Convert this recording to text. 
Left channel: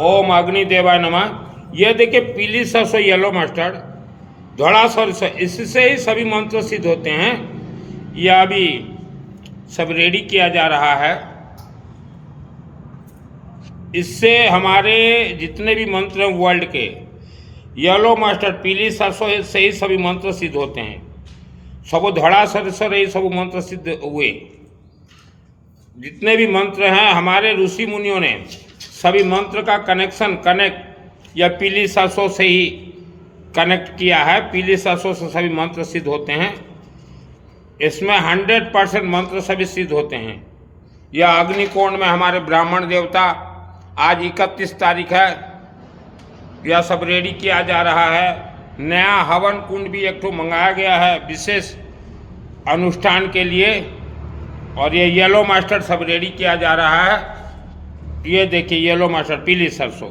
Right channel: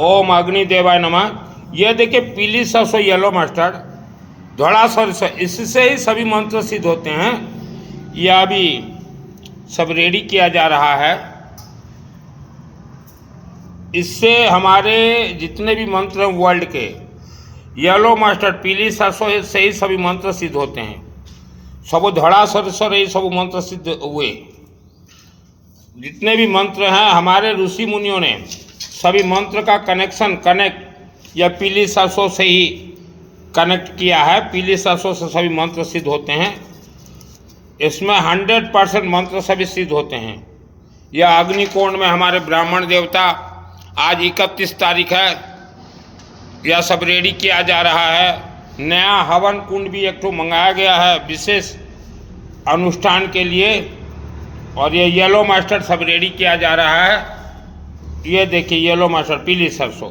ओम अग्निदेवाय नमः। ये देखिए पीली सरसों, येलो मस्टर्ड, धड़ा सरसों, इससे ही सभी मंत्र सिद्ध होते हैं। यह अभी सब रेडी किया जा रहा है। इससे हमारे जितने भी मंत्र हैं वर्ल्ड के, येलो मस्टर्ड, पीली सरसों से ही सभी मंत्र सिद्ध होते हैं। सब धड़ा सरसों ही सब मंत्र सिद्ध हुए। जितने भी मंत्र हैं हमारे ऋषि मुनियों ने सभी मंत्र का कनेक्ट या पीली सरसों से ही कनेक्ट किया है। पीली सरसों से सभी मंत्र सिद्ध होते हैं। इसमें 100% मंत्र सभी सिद्ध होते हैं। यह अग्निकोण में हमारे ब्राह्मण देवता, आज 31 तारीख है, यह सब रेडी किया जा रहा है। नया हवन कुंड भी एक ठो मंगाया गया है विशेष अनुष्ठान के लिए। और ये येलो मस्टर्ड सब रेडी किया जा रहा है। ये देखिए येलो मस्टर्ड, पीली सरसों।